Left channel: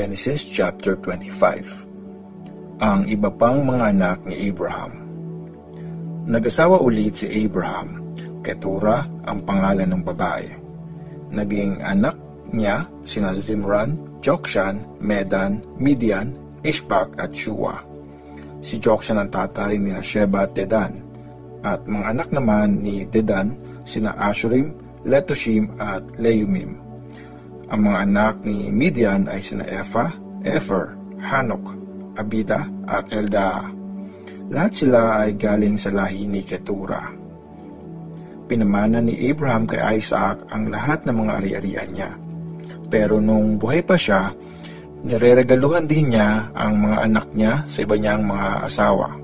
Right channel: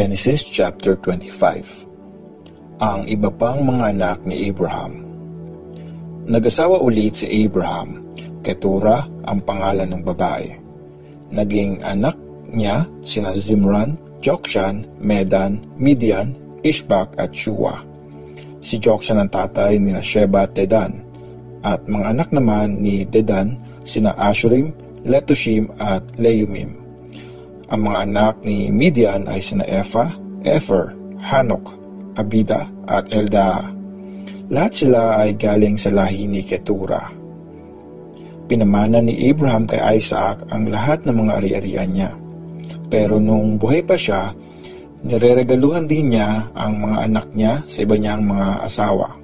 Genesis chapter 25. Ang iba pang mga anak ni Abraham. Nag-asawa ulit si Abraham, Keturah ang pangalan ng babae. Naging anak niya sina Zimran, Jokshan, Medan, Midian, Ishbak at Shua. Si Jokshan ang tatay ni Sheba at Dedan, at mga anak naman ni Dedan sina Ashurim, Letushim at Leumim. Ang mga anak ni Midian ay sina Ephah, Epher, Hanok, Abida at Eldaa. Lahat sila ay galing sa lahi ni Keturah. Pinamana ni Abraham kay Isaac ang lahat ng mga ari-arian niya. Pero nung buhay pa siya, nireregaluhan din niya ang mga anak niya sa iba niyang mga asawa.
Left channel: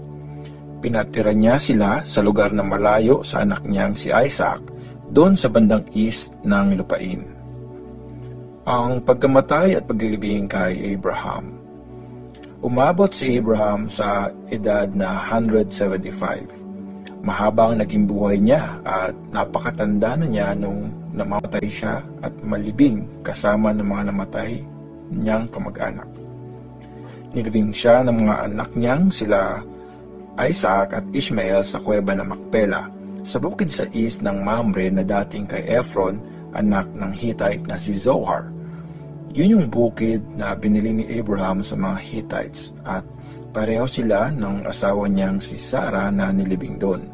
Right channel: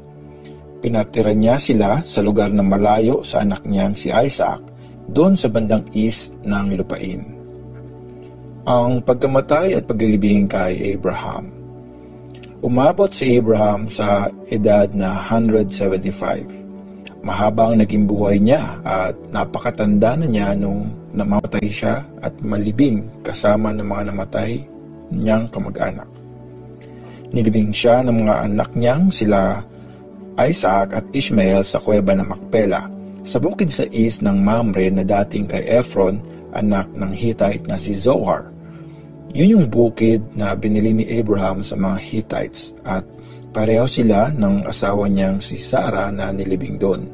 Pinatira niya sila sa lugar na malayo sa anak niyang si Isaac, doon sa bandang east ng lupain. Ang pagkamatay at paglilibing kay Abraham. Umabot si Abraham sa edad na 175. Mahaba ang naging buhay niya at napakatanda na niya nung namatay siya at malibing kasama ng mga namatay niyang kamag-anak. Nilibing siya ng mga anak niyang sila Isaac at Ishmael sa kuweba ng Macpela, sa bukid sa east ng Mamre na dating kay Ephron, anak ng Hittite na si Zohar. Yun yung bukid na binili ni Abraham sa mga Hittites at pareho sila ng asawa niyang si Sarah na nilibing doon.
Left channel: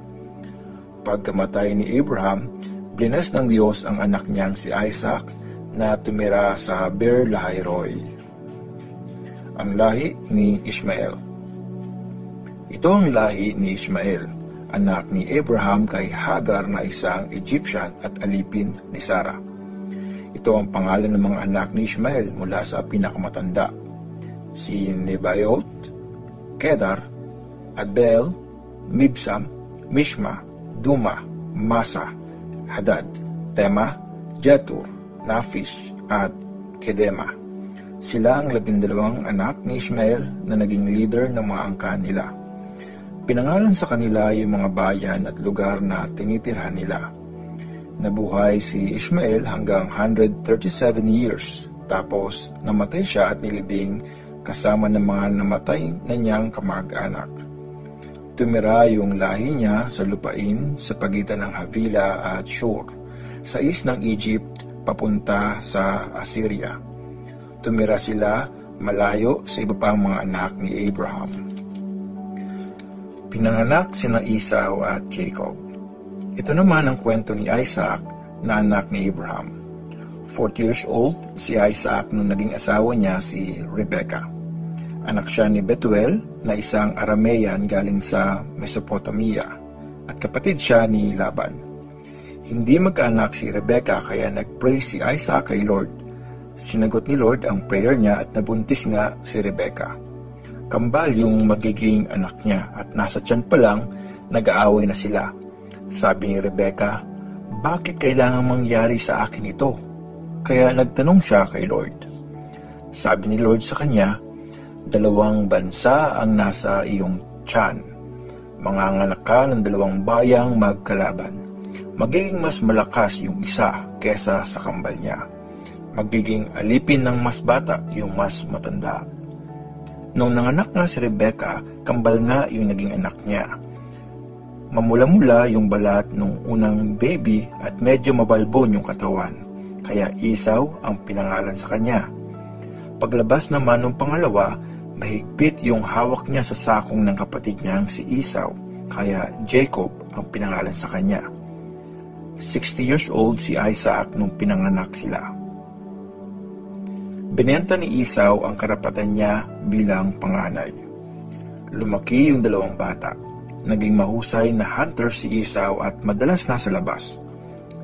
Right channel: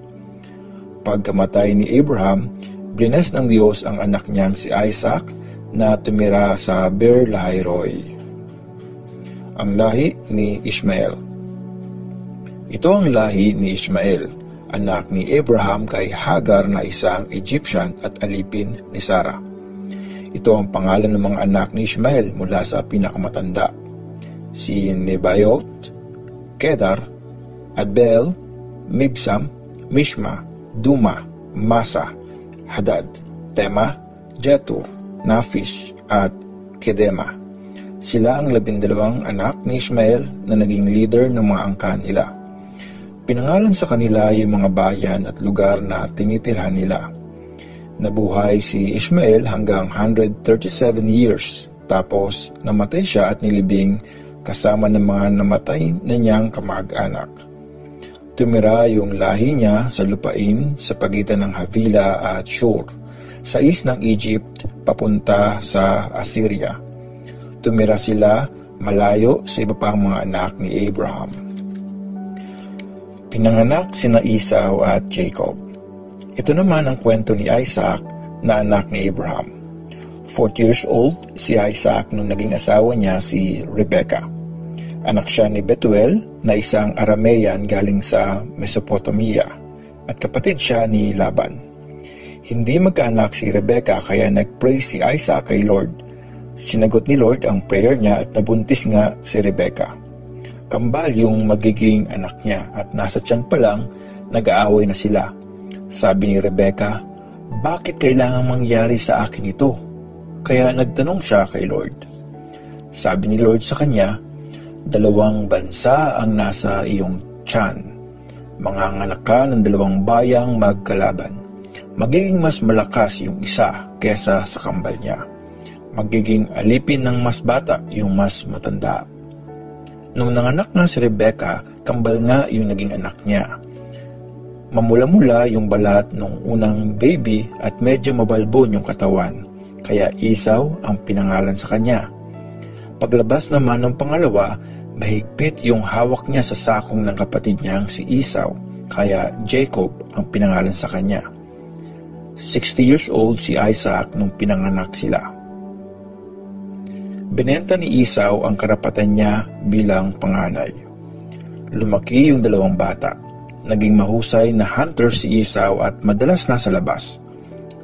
Pagkamatay ni Abraham, blines ng Diyos ang anak niyang si Isaac na tumira sa Beer-lahai-roi. Ang lahi ni Ishmael. Ito ang lahi ni Ishmael, anak ni Abraham kay Hagar na isang Egyptian at alipin ni Sarah. Ito ang pangalan ng mga anak ni Ishmael mula sa pinakamatanda. Si Nebayot, Kedar, Adbeel, Mibsam, Mishma, Duma, Masa, Hadad, Tema, Jetur, Nafish, at Kedema. Sila ang 12 anak ni Ishmael na naging leader ng mga angkan nila. Pinangalan sa kanila yung mga bayan at lugar na tinitirhan nila. Nabuhay si Ishmael hanggang 137 years, tapos namatay siya at nilibing kasama ng mga namatay na niyang kamag-anak. Tumira yung lahi niya sa lupain sa pagitan ng Havila at Shur, sa east ng Egypt papunta sa Assyria. Tumira sila malayo sa iba pang mga anak ni Abraham. Pinanganak sina Esau at Jacob. Ito naman ang kwento ni Isaac na anak ni Abraham. 40 years old si Isaac nung naging asawa niya si Rebekah. Anak siya ni Betuel na isang Aramean galing sa Mesopotamia at kapatid siya ni Laban. Hindi magkaanak si Rebekah kaya nag-pray si Isaac kay Lord. Sinagot ni Lord ang prayer niya at nabuntis nga si Rebekah. Kambal yung magiging anak niya at nasa tiyan pa lang nag-aaway na sila. Sabi ni Rebekah, bakit kailangan mangyari sa akin ito? Kaya nagtanong siya kay Lord. Sabi ni Lord sa kanya, 2 bansa ang nasa iyong tiyan. Manganganak ka ng 2 bayang magkalaban. Magiging mas malakas yung isa kesa sa kambal niya. Magiging alipin ng mas bata yung mas matanda. Nung nanganak nga si Rebekah, kambal nga yung naging anak niya. Mamula-mula yung balat nung unang baby at medyo mabalbon yung katawan, kaya Esau ang pinangalan sa kanya. Paglabas naman ng pangalawa, mahigpit yung hawak niya sa sakong ng kapatid niyang si Esau, kaya Jacob ang pinangalan sa kanya. 60 years old si Isaac nung pinanganak sila. Binenta ni Esau ang karapatan niya bilang panganay. Lumaki yung 2 bata. Naging mahusay na hunter si Esau at madalas nasa labas.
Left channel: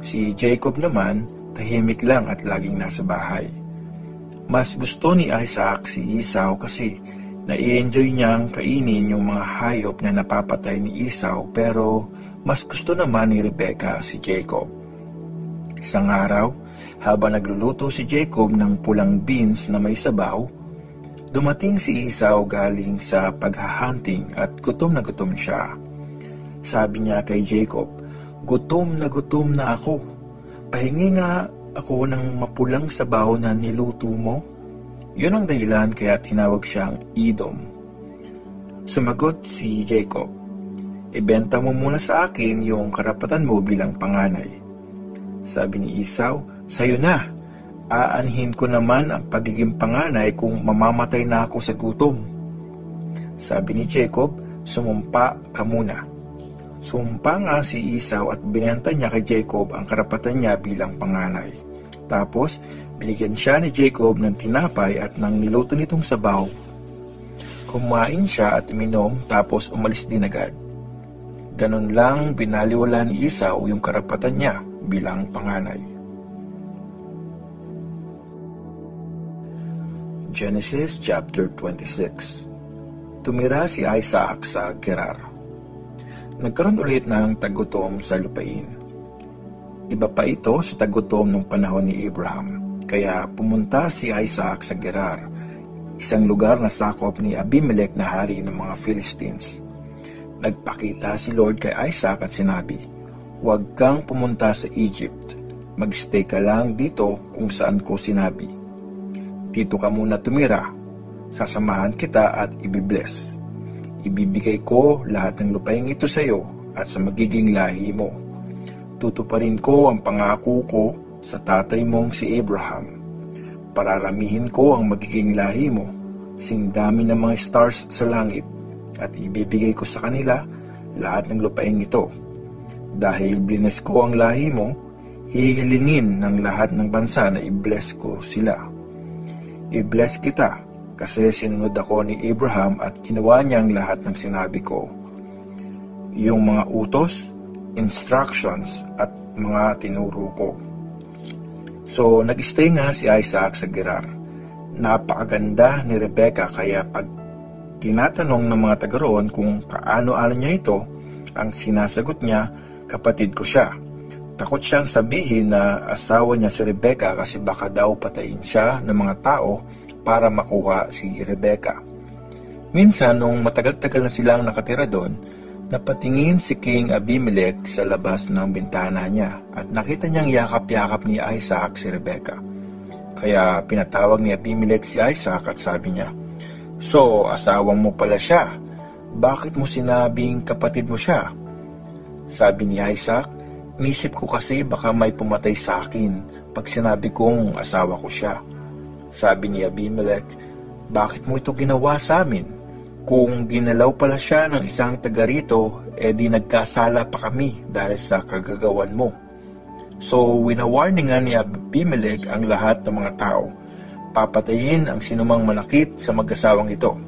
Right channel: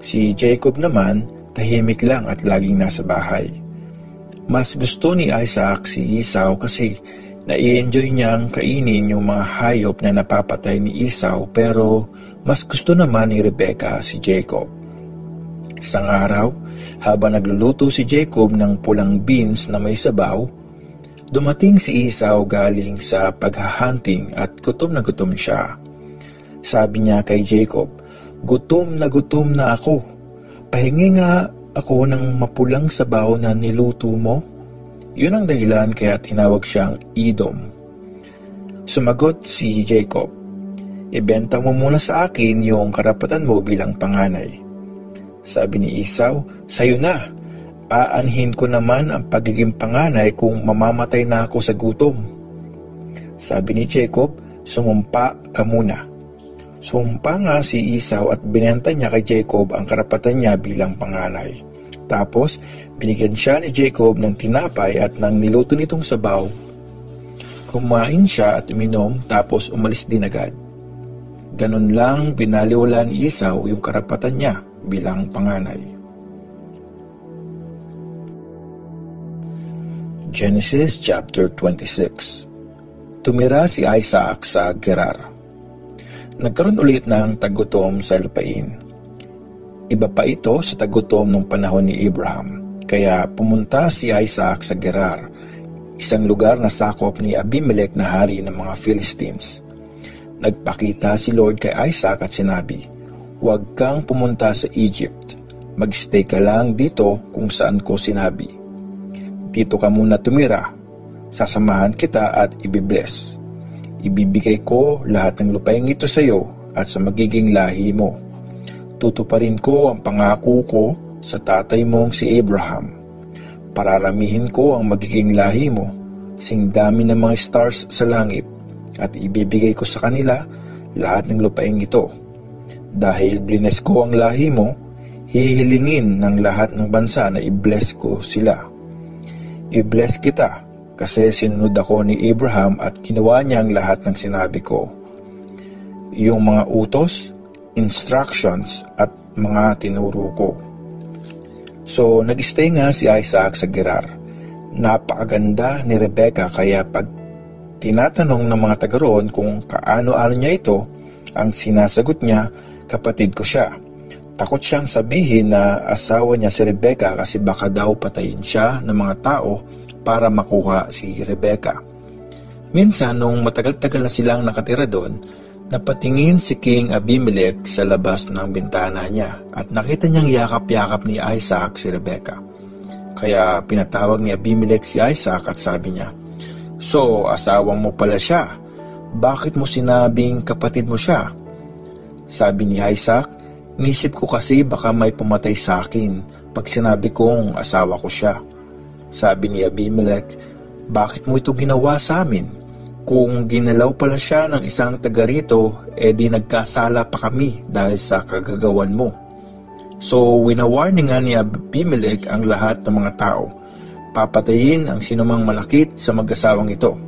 Si Jacob naman, tahimik lang at laging nasa bahay. Mas gusto ni Isaac si Esau kasi nai-enjoy niyang kainin yung mga hayop na napapatay ni Esau, pero mas gusto naman ni Rebekah si Jacob. Isang araw, habang nagluluto si Jacob ng pulang beans na may sabaw, dumating si Esau galing sa paghahunting at gutom na gutom siya. Sabi niya kay Jacob, gutom na ako. Pahingi nga ako ng mapulang sabaw na niluto mo. Yun ang dahilan kaya tinawag siyang Edom. Sumagot si Jacob, "Ibenta mo muna sa akin yung karapatan mo bilang panganay." Sabi ni Esau, "Sa'yo na. Aanhin ko naman ang pagiging panganay kung mamamatay na ako sa gutom." Sabi ni Jacob, "Sumumpa ka muna." Sumumpa nga si Esau at binenta niya kay Jacob ang karapatan niya bilang panganay. Tapos, binigyan siya ni Jacob ng tinapay at ng niluto nitong sabaw. Kumain siya at uminom tapos umalis din agad. Ganun lang binaliwala ni Esau yung karapatan niya bilang panganay. Genesis chapter 26. Tumira si Isaac sa Gerar. Nagkaroon ulit ng tagutom sa lupain. Iba pa ito sa tagutom ng panahon ni Abraham. Kaya pumunta si Isaac sa Gerar, isang lugar na sakop ni Abimelech na hari ng mga Philistines. Nagpakita si Lord kay Isaac at sinabi, "Huwag kang pumunta sa Egypt. Magstay ka lang dito kung saan ko sinabi. Dito ka muna tumira. Sasamahan kita at ibibless. Ibibigay ko lahat ng lupain ito sa iyo at sa magiging lahi mo. Tutuparin ko ang pangako ko sa tatay mong si Abraham. Pararamihin ko ang magiging lahi mo, sing dami ng mga stars sa langit, at ibibigay ko sa kanila lahat ng lupain ito. Dahil blines ko ang lahi mo, hihilingin ng lahat ng bansa na i-bless ko sila. I-bless kita kasi sinunod ako ni Abraham at ginawa niya ang lahat ng sinabi ko. Yung mga utos, instructions at mga tinuro ko." So, nag-stay nga si Isaac sa Gerar. Napakaganda ni Rebecca kaya pag tinatanong ng mga taga roon kung kaano-ano niya ito, ang sinasagot niya, "Kapatid ko siya." Takot siyang sabihin na asawa niya si Rebecca kasi baka daw patayin siya ng mga tao para makuha si Rebecca. Minsan, nung matagal-tagal na silang nakatira doon, napatingin si King Abimelech sa labas ng bintana niya at nakita niyang yakap-yakap ni Isaac si Rebecca. Kaya pinatawag ni Abimelech si Isaac at sabi niya, "So, asawa mo pala siya. Bakit mo sinabing kapatid mo siya?" Sabi ni Isaac, "Nisip ko kasi baka may pumatay sa akin pag sinabi kong asawa ko siya." Sabi ni Abimelech, "Bakit mo ito ginawa sa amin? Kung ginalaw pala siya ng isang taga rito, di nagkasala pa kami dahil sa kagagawan mo." So, winawarningan ni Abimelech ang lahat ng mga tao. Papatayin ang sinumang malakit sa mag-asawang ito.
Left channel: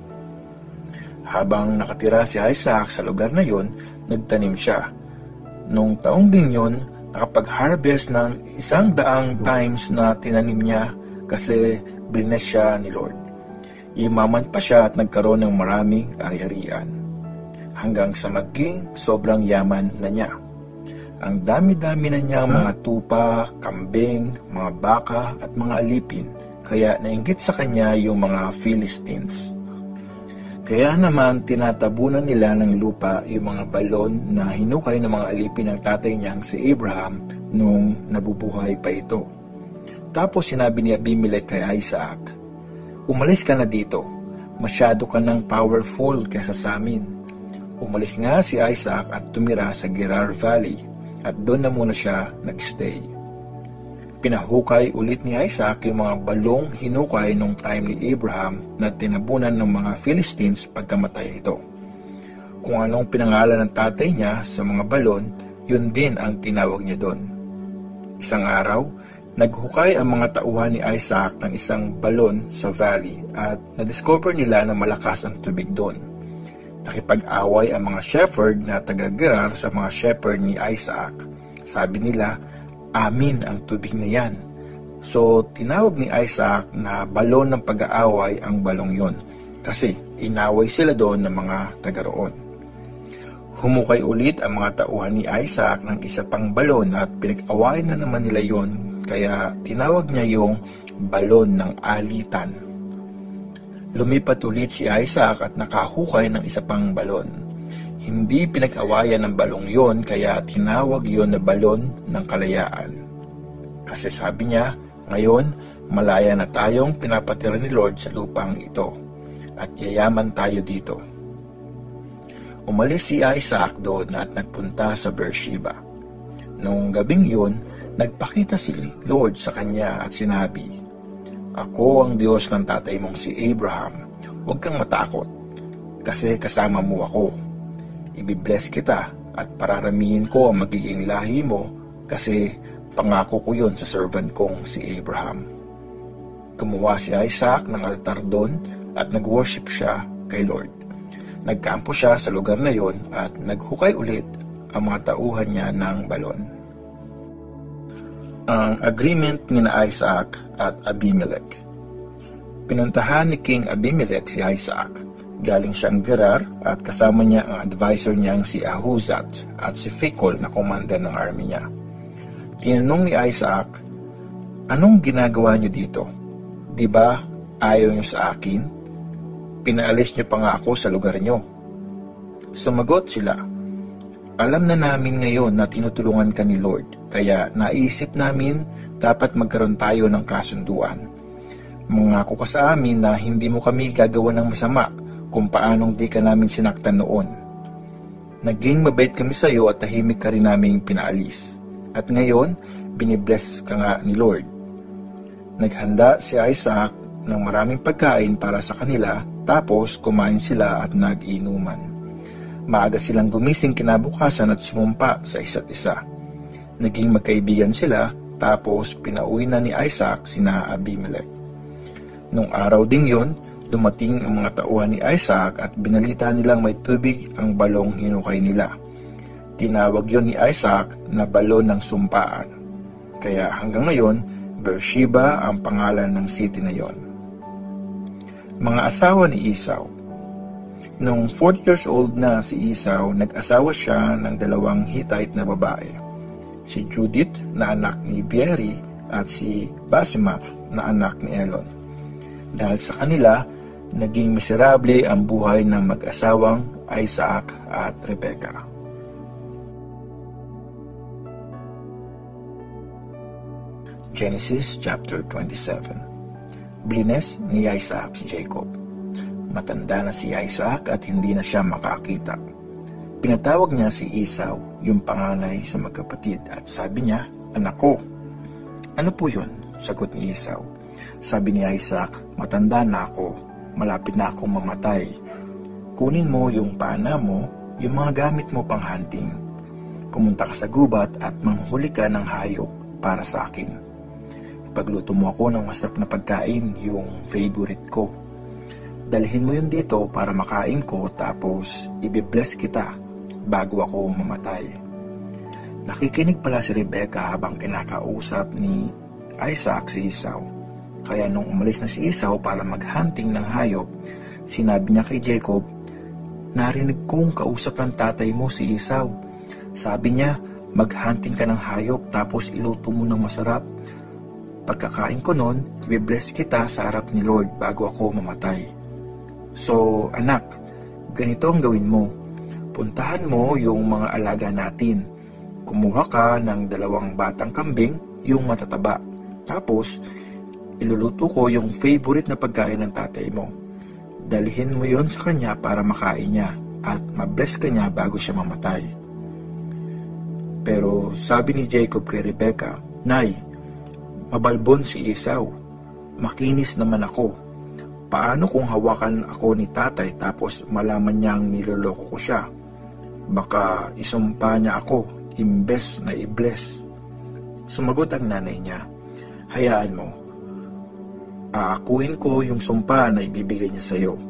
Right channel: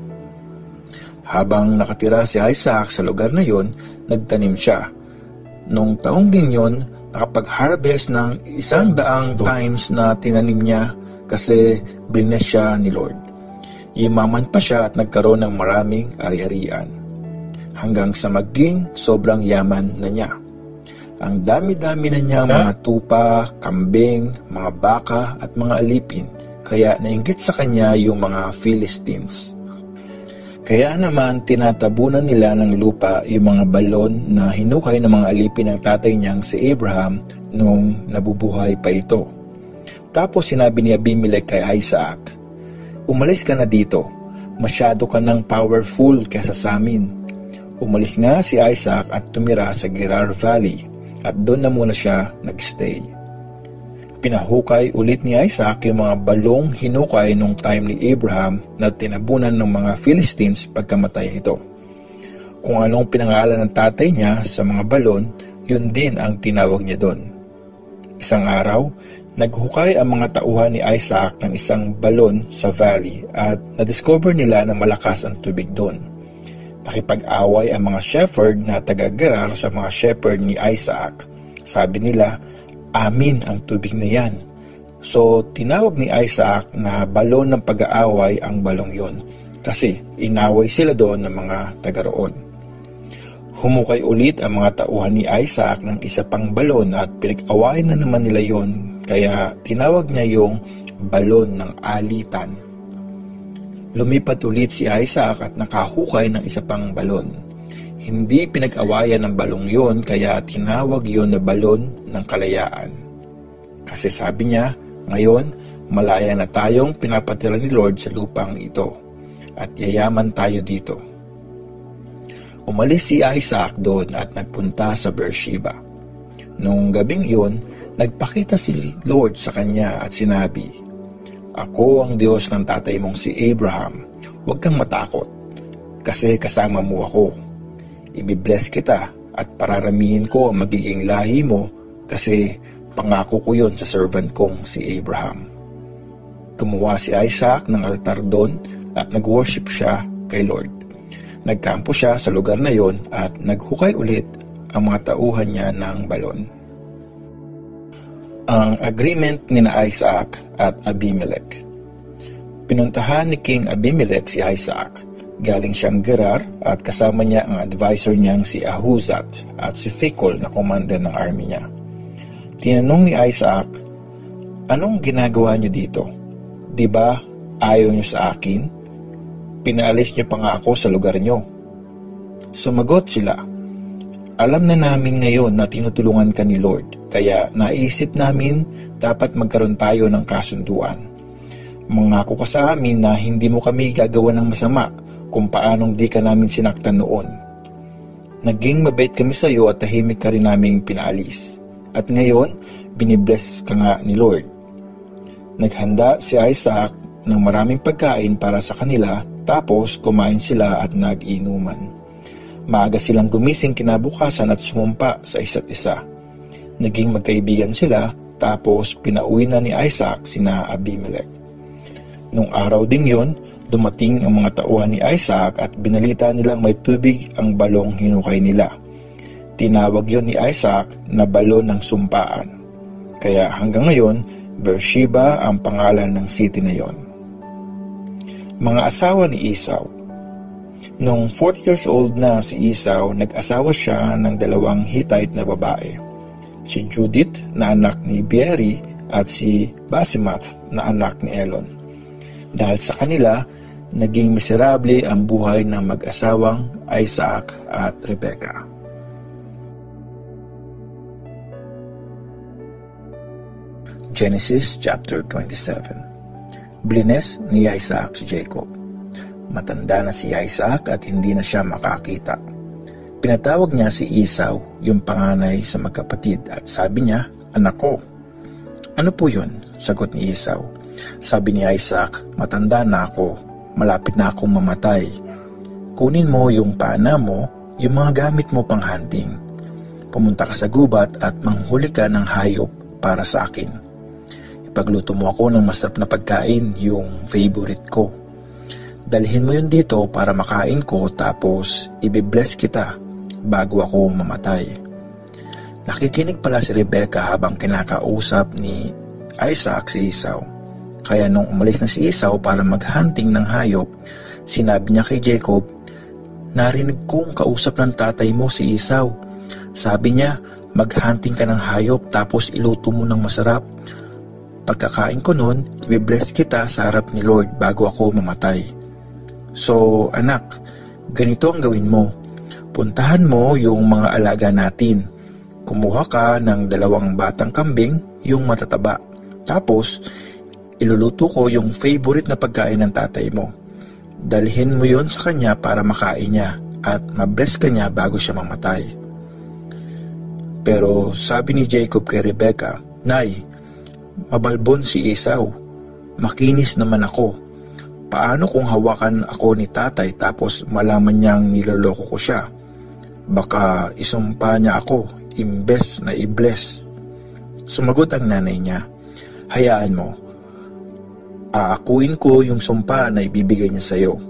Habang nakatira si Isaac sa lugar na yon, nagtanim siya. Noong taong din yon, nakapag-harvest ng 100 times na tinanim niya kasi blines siya ni Lord. Yumaman pa siya at nagkaroon ng maraming ari-arian. Hanggang sa maging sobrang yaman na niya. Ang dami-dami na niyang mga tupa, kambing, mga baka at mga alipin, kaya nainggit sa kanya yung mga Philistines. Kaya naman tinatabunan nila ng lupa yung mga balon na hinukay ng mga alipin ng tatay niyang si Abraham nung nabubuhay pa ito. Tapos sinabi ni Abimelech kay Isaac, "Umalis ka na dito. Masyado ka ng powerful kaysa sa amin." Umalis nga si Isaac at tumira sa Gerar Valley at doon na muna siya nagstay. Pinahukay ulit ni Isaac yung mga balong hinukay nung time ni Abraham na tinabunan ng mga Philistines pagkamatay nito. Kung anong pinangalan ng tatay niya sa mga balon, yun din ang tinawag niya doon. Isang araw, naghukay ang mga tauhan ni Isaac ng isang balon sa valley at na-discover nila na malakas ang tubig doon. Nakipag-away ang mga shepherd na taga-Gerar sa mga shepherd ni Isaac. Sabi nila, "Amin ang tubig na yan." So, tinawag ni Isaac na balon ng pag-aaway ang balong yon kasi inaway sila doon ng mga taga-roon. Humukay ulit ang mga tauhan ni Isaac ng isa pang balon at pinag-away na naman nila yon. Kaya tinawag niya yung balon ng alitan. Lumipat ulit si Isaac at nakahukay ng isa pang balon. Hindi pinag-awayan ng balong yon kaya tinawag yon na balon ng kalayaan. Kasi sabi niya, "Ngayon, Malaya na tayong pinapatira ni Lord sa lupang ito at yayaman tayo dito. Umalis si Isaac doon at nagpunta sa Beersheba. Noong gabing yun, nagpakita si Lord sa kanya at sinabi, "Ako ang Diyos ng tatay mong si Abraham. Huwag kang matakot, kasi kasama mo ako. Ibibless kita at pararamihin ko ang magiging lahi mo kasi pangako ko yun sa servant kong si Abraham." Gumawa si Isaac ng altar doon at nag-worship siya kay Lord. Nagkampo siya sa lugar na yon at naghukay ulit ang mga tauhan niya ng balon. Ang agreement ni Isaac at Abimelech. Pinuntahan ni King Abimelech si Isaac. Galing siyang Gerar at kasama niya ang advisor niyang si Ahuzat at si Phicol na commander ng army niya. Tinanong ni Isaac, "Anong ginagawa niyo dito? Di ba ayaw niyo sa akin? Pinaalis niyo pa nga ako sa lugar niyo." Sumagot sila, "Alam na namin ngayon na tinutulungan ka ni Lord, kaya naisip namin dapat magkaroon tayo ng kasunduan. Mangako ka sa amin na hindi mo kami gagawa ng masama kung paanong di ka namin sinaktan noon. Naging mabait kami sa iyo at tahimik ka rin naming pinaalis. At ngayon, binibless ka nga ni Lord." Naghanda si Isaac ng maraming pagkain para sa kanila, tapos kumain sila at nag-inuman. Maaga silang gumising kinabukasan at sumumpa sa isa't isa. Naging magkaibigan sila, tapos pinauwi na ni Isaac sina Abimelech. Nung araw ding yun, dumating ang mga tauhan ni Isaac at binalita nilang may tubig ang balong hinukay nila. Tinawag yon ni Isaac na balon ng sumpaan. Kaya hanggang ngayon, Beersheba ang pangalan ng city na yon. Mga asawa ni Esau. Nung 40 years old na si Esau, nag-asawa siya ng 2 Hittite na babae. Si Judith na anak ni Beeri at si Basemath na anak ni Elon. Dahil sa kanila, naging miserable ang buhay ng mag-asawang Isaac at Rebekah. Genesis chapter 27. Blines ni Isaac si Jacob. Matanda na si Isaac at hindi na siya makakita. Pinatawag niya si Esau, yung panganay sa magkapatid, at sabi niya, "Anak ko." "Ano po yun?" sagot ni Esau. Sabi ni Isaac, "Matanda na ako, malapit na akong mamatay. Kunin mo yung pana mo, yung mga gamit mo pang hunting. Pumunta ka sa gubat at manghuli ka ng hayop para sa akin. Ipagluto mo ako ng masarap na pagkain, yung favorite ko. Dalhin mo yun dito para makain ko, tapos ibibless kita bago ako mamatay." Nakikinig pala si Rebekah habang kinakausap ni Isaac si Esau. Kaya nung umalis na si Esau para maghunting ng hayop, sinabi niya kay Jacob, "Narinig kong kausap ng tatay mo si Esau. Sabi niya, maghunting ka ng hayop tapos iluto mo ng masarap. Pagkakain ko nun, ibibless kita sa harap ni Lord bago ako mamatay. So, anak, ganito ang gawin mo. Puntahan mo yung mga alaga natin. Kumuha ka ng 2 batang kambing, yung matataba. Tapos, iluluto ko yung favorite na pagkain ng tatay mo. Dalhin mo yon sa kanya para makain niya at mabless ka niya bago siya mamatay." Pero sabi ni Jacob kay Rebekah, "Nay, mabalbon si Esau. Makinis naman ako. Paano kung hawakan ako ni tatay tapos malaman niyang niloloko ko siya? Baka isumpa niya ako imbes na i-bless." Sumagot ang nanay niya, "Hayaan mo. Aakuin ko yung sumpa na ibibigay niya sa iyo.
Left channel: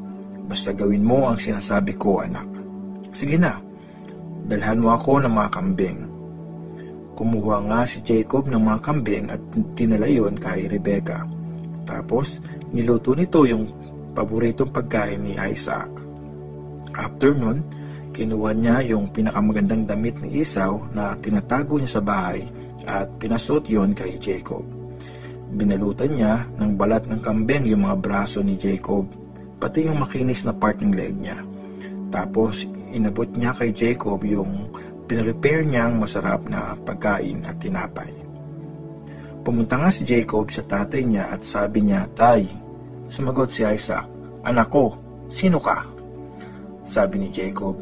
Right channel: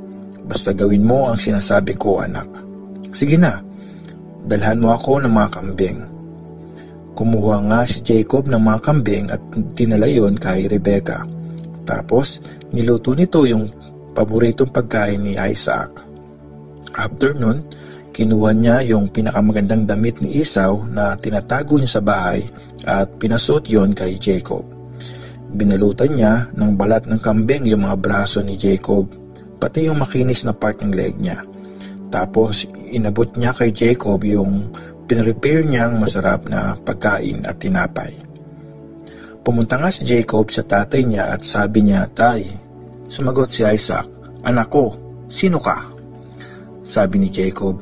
Basta gawin mo ang sinasabi ko, anak." "Sige na, dalhan mo ako ng mga kambing." Kumuha nga si Jacob ng mga kambing at tinala yon kay Rebekah. Tapos, niluto nito yung paboritong pagkain ni Isaac. After nun, kinuha niya yung pinakamagandang damit ni Esau na tinatago niya sa bahay at pinasuot yon kay Jacob. Binalutan niya ng balat ng kambing yung mga braso ni Jacob, pati yung makinis na part ng leg niya. Tapos, inabot niya kay Jacob yung pinrepare niyang masarap na pagkain at tinapay. Pumunta nga si Jacob sa tatay niya at sabi niya, "Tay." Sumagot si Isaac, "Anak ko, sino ka?" Sabi ni Jacob,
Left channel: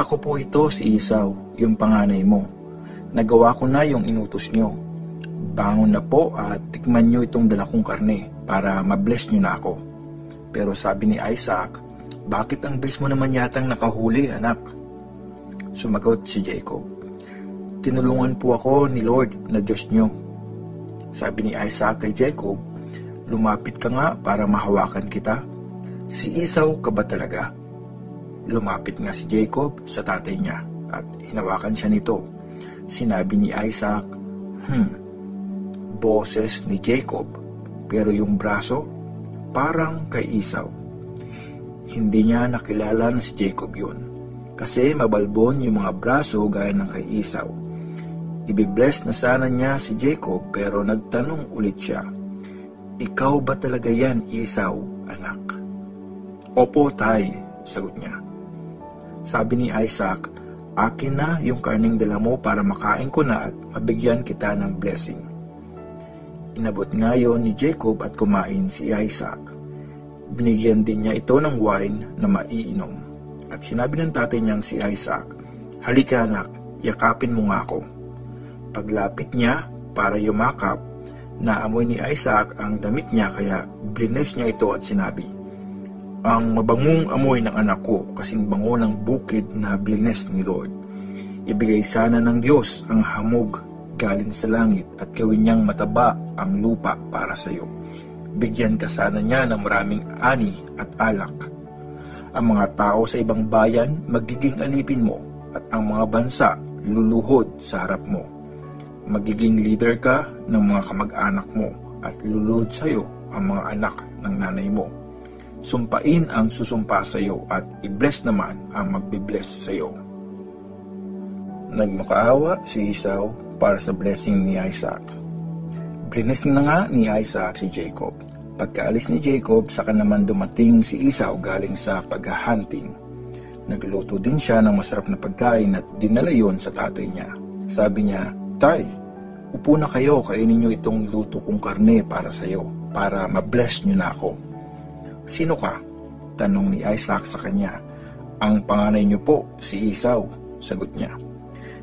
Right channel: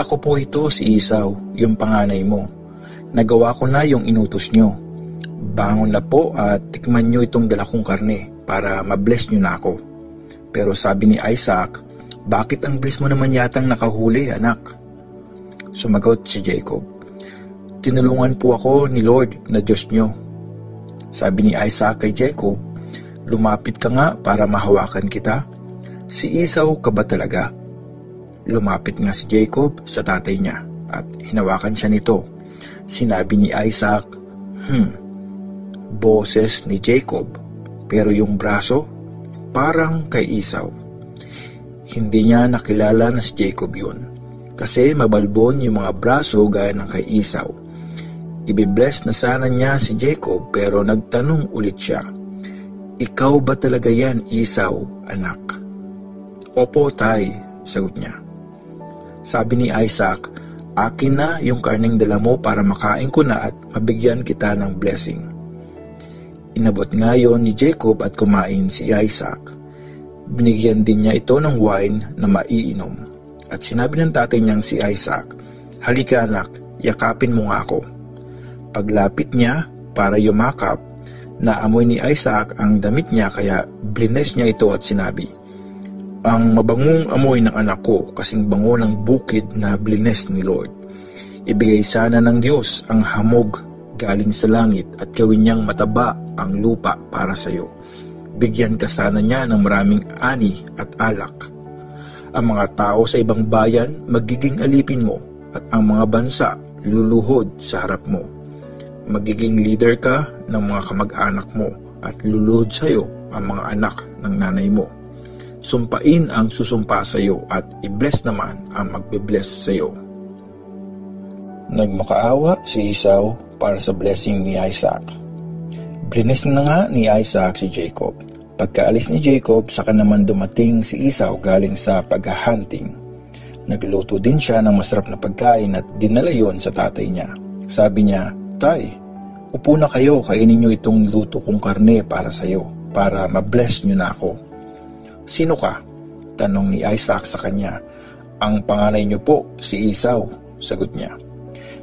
"Ako po ito, si Esau, yung panganay mo. Nagawa ko na yung inutos niyo. Bangon na po at tikman niyo itong dala kong karne para mabless niyo na ako." Pero sabi ni Isaac, "Bakit ang bilis mo naman yatang nakahuli, anak?" Sumagot si Jacob, "Tinulungan po ako ni Lord na Diyos niyo." Sabi ni Isaac kay Jacob, "Lumapit ka nga para mahawakan kita. Si Esau ka ba talaga?" Lumapit nga si Jacob sa tatay niya at hinawakan siya nito. Sinabi ni Isaac, Boses ni Jacob, pero yung braso parang kay Esau." Hindi niya nakilala na si Jacob yun, kasi mabalbon yung mga braso gaya ng kay Esau. Ibibless na sana niya si Jacob pero nagtanong ulit siya, "Ikaw ba talaga yan, Esau, anak?" "Opo, tay," sagot niya. Sabi ni Isaac, "Akin na yung karneng dala mo para makain ko na at mabigyan kita ng blessing." Inabot nga yon ni Jacob at kumain si Isaac. Binigyan din niya ito ng wine na maiinom. At sinabi ng tatay niyang si Isaac, "Halika anak, yakapin mo nga ako." Paglapit niya para yumakap, naamoy ni Isaac ang damit niya kaya blines niya ito at sinabi, "Ang mabangong amoy ng anak ko kasing bango ng bukid na blines ni Lord. Ibigay sana ng Diyos ang hamog galing sa langit at gawin niyang mataba ang lupa para sa iyo. Bigyan ka sana niya ng maraming ani at alak. Ang mga tao sa ibang bayan magiging alipin mo at ang mga bansa luluhod sa harap mo. Magiging leader ka ng mga kamag-anak mo at luluhod sa iyo ang mga anak ng nanay mo. Sumpain ang susumpa sa iyo at i-bless naman ang magbe-bless sa iyo." Nagmakaawa si Esau para sa blessing ni Isaac. Blines na nga ni Isaac si Jacob. Pagkaalis ni Jacob, saka naman dumating si Esau galing sa paghahunting. Nagluto din siya ng masarap na pagkain at dinala yon sa tatay niya. Sabi niya, "Tay, upo na kayo, kainin niyo itong luto kong karne para sa iyo, para ma-bless niyo na ako." "Sino ka?" tanong ni Isaac sa kanya. "Ang panganay niyo po, si Esau," sagot niya.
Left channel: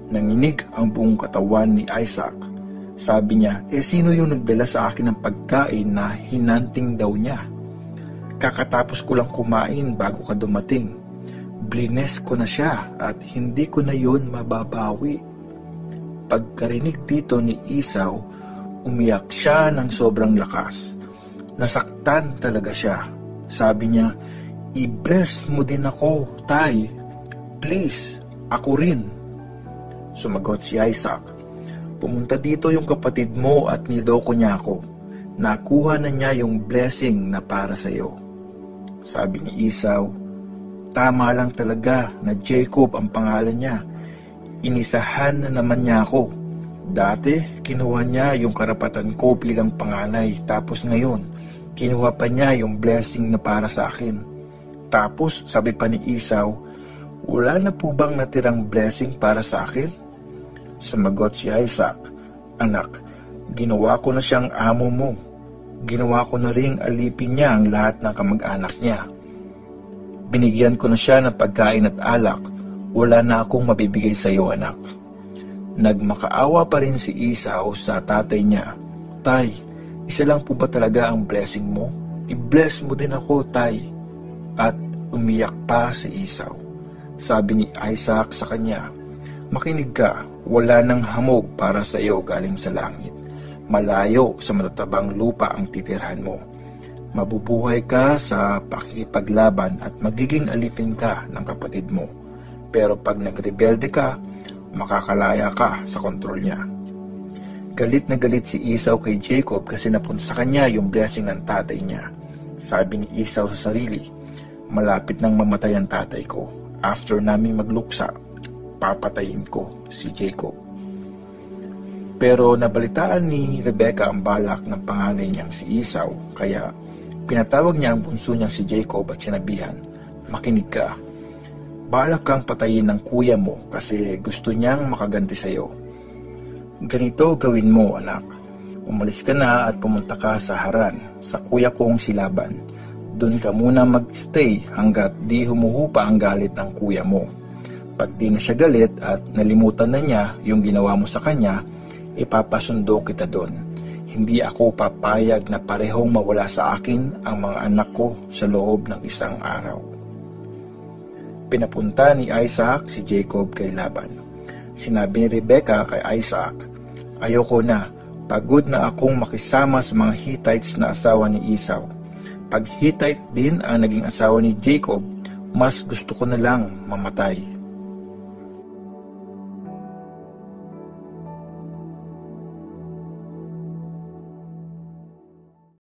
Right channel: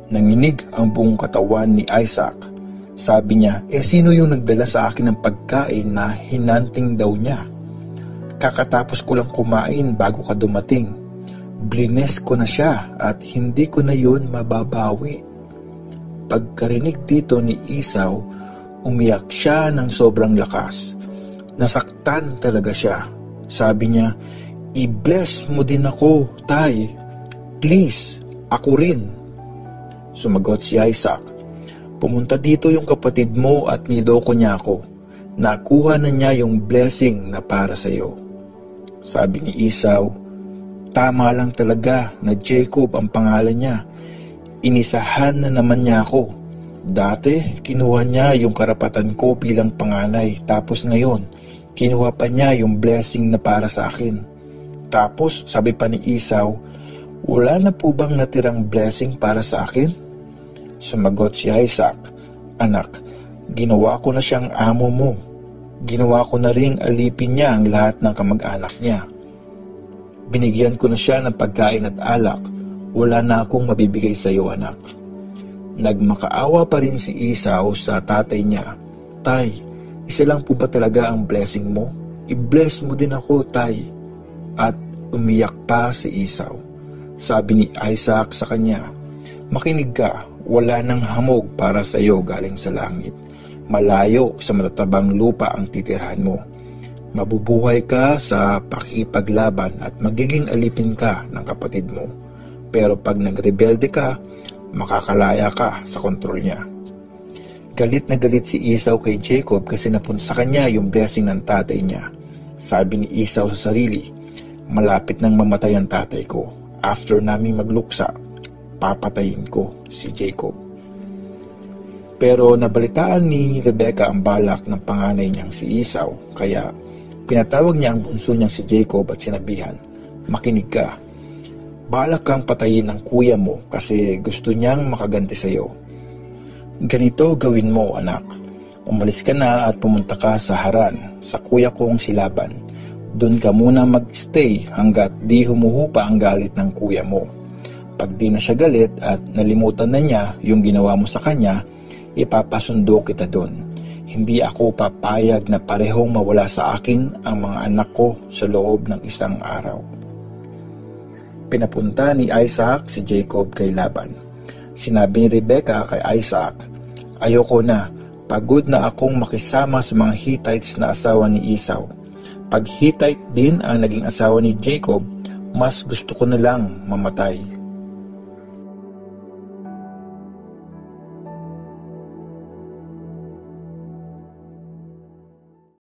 Nanginig ang buong katawan ni Isaac. Sabi niya, "Sino yung nagdala sa akin ng pagkain na hinanting daw niya? Kakatapos ko lang kumain bago ka dumating. Blines ko na siya at hindi ko na yon mababawi." Pagkarinig dito ni Esau, umiyak siya ng sobrang lakas. Nasaktan talaga siya. Sabi niya, "I-bless mo din ako, tay. Please, ako rin." Sumagot si Isaac, "Pumunta dito yung kapatid mo at niloko niya ako. Nakuha na niya yung blessing na para sa iyo." Sabi ni Esau, "Tama lang talaga na Jacob ang pangalan niya. Inisahan na naman niya ako. Dati, kinuha niya yung karapatan ko bilang panganay. Tapos ngayon, kinuha pa niya yung blessing na para sa akin." Tapos, sabi pa ni Esau, "Wala na po bang natirang blessing para sa akin?" Sumagot si Isaac, "Anak, ginawa ko na siyang amo mo. Ginawa ko na ring alipin niya ang lahat ng kamag-anak niya. Binigyan ko na siya ng pagkain at alak. Wala na akong mabibigay sa iyo, anak." Nagmakaawa pa rin si Esau sa tatay niya. "Tay, isa lang po ba talaga ang blessing mo? I-bless mo din ako, tay." At umiyak pa si Esau. Sabi ni Isaac sa kanya, "Makinig ka, wala nang hamog para sa iyo galing sa langit. Malayo sa matatabang lupa ang titirhan mo. Mabubuhay ka sa pakipaglaban at magiging alipin ka ng kapatid mo. Pero pag nagrebelde ka, makakalaya ka sa kontrol niya." Galit na galit si Esau kay Jacob kasi napunta sa kanya yung blessing ng tatay niya. Sabi ni Esau sa sarili, "Malapit nang mamatay ang tatay ko. After naming magluksa, papatayin ko si Jacob." Pero nabalitaan ni Rebecca ang balak ng panganay niyang si Esau, kaya pinatawag niya ang bunso niyang si Jacob at sinabihan, "Makinig ka. Balak kang patayin ng kuya mo kasi gusto niyang makaganti sa iyo. Ganito gawin mo, anak. Umalis ka na at pumunta ka sa Haran, sa kuya kong si Laban. Doon ka muna mag-stay hanggat di humuhupa ang galit ng kuya mo. Pag di na siya galit at nalimutan na niya yung ginawa mo sa kanya, ipapasundo kita doon. Hindi ako papayag na parehong mawala sa akin ang mga anak ko sa loob ng isang araw. Pinapunta ni Isaac si Jacob kay Laban. Sinabi ni Rebekah kay Isaac, "Ayoko na, pagod na akong makisama sa mga Hittites na asawa ni Esau. Pag Hittite din ang naging asawa ni Jacob, mas gusto ko na lang mamatay."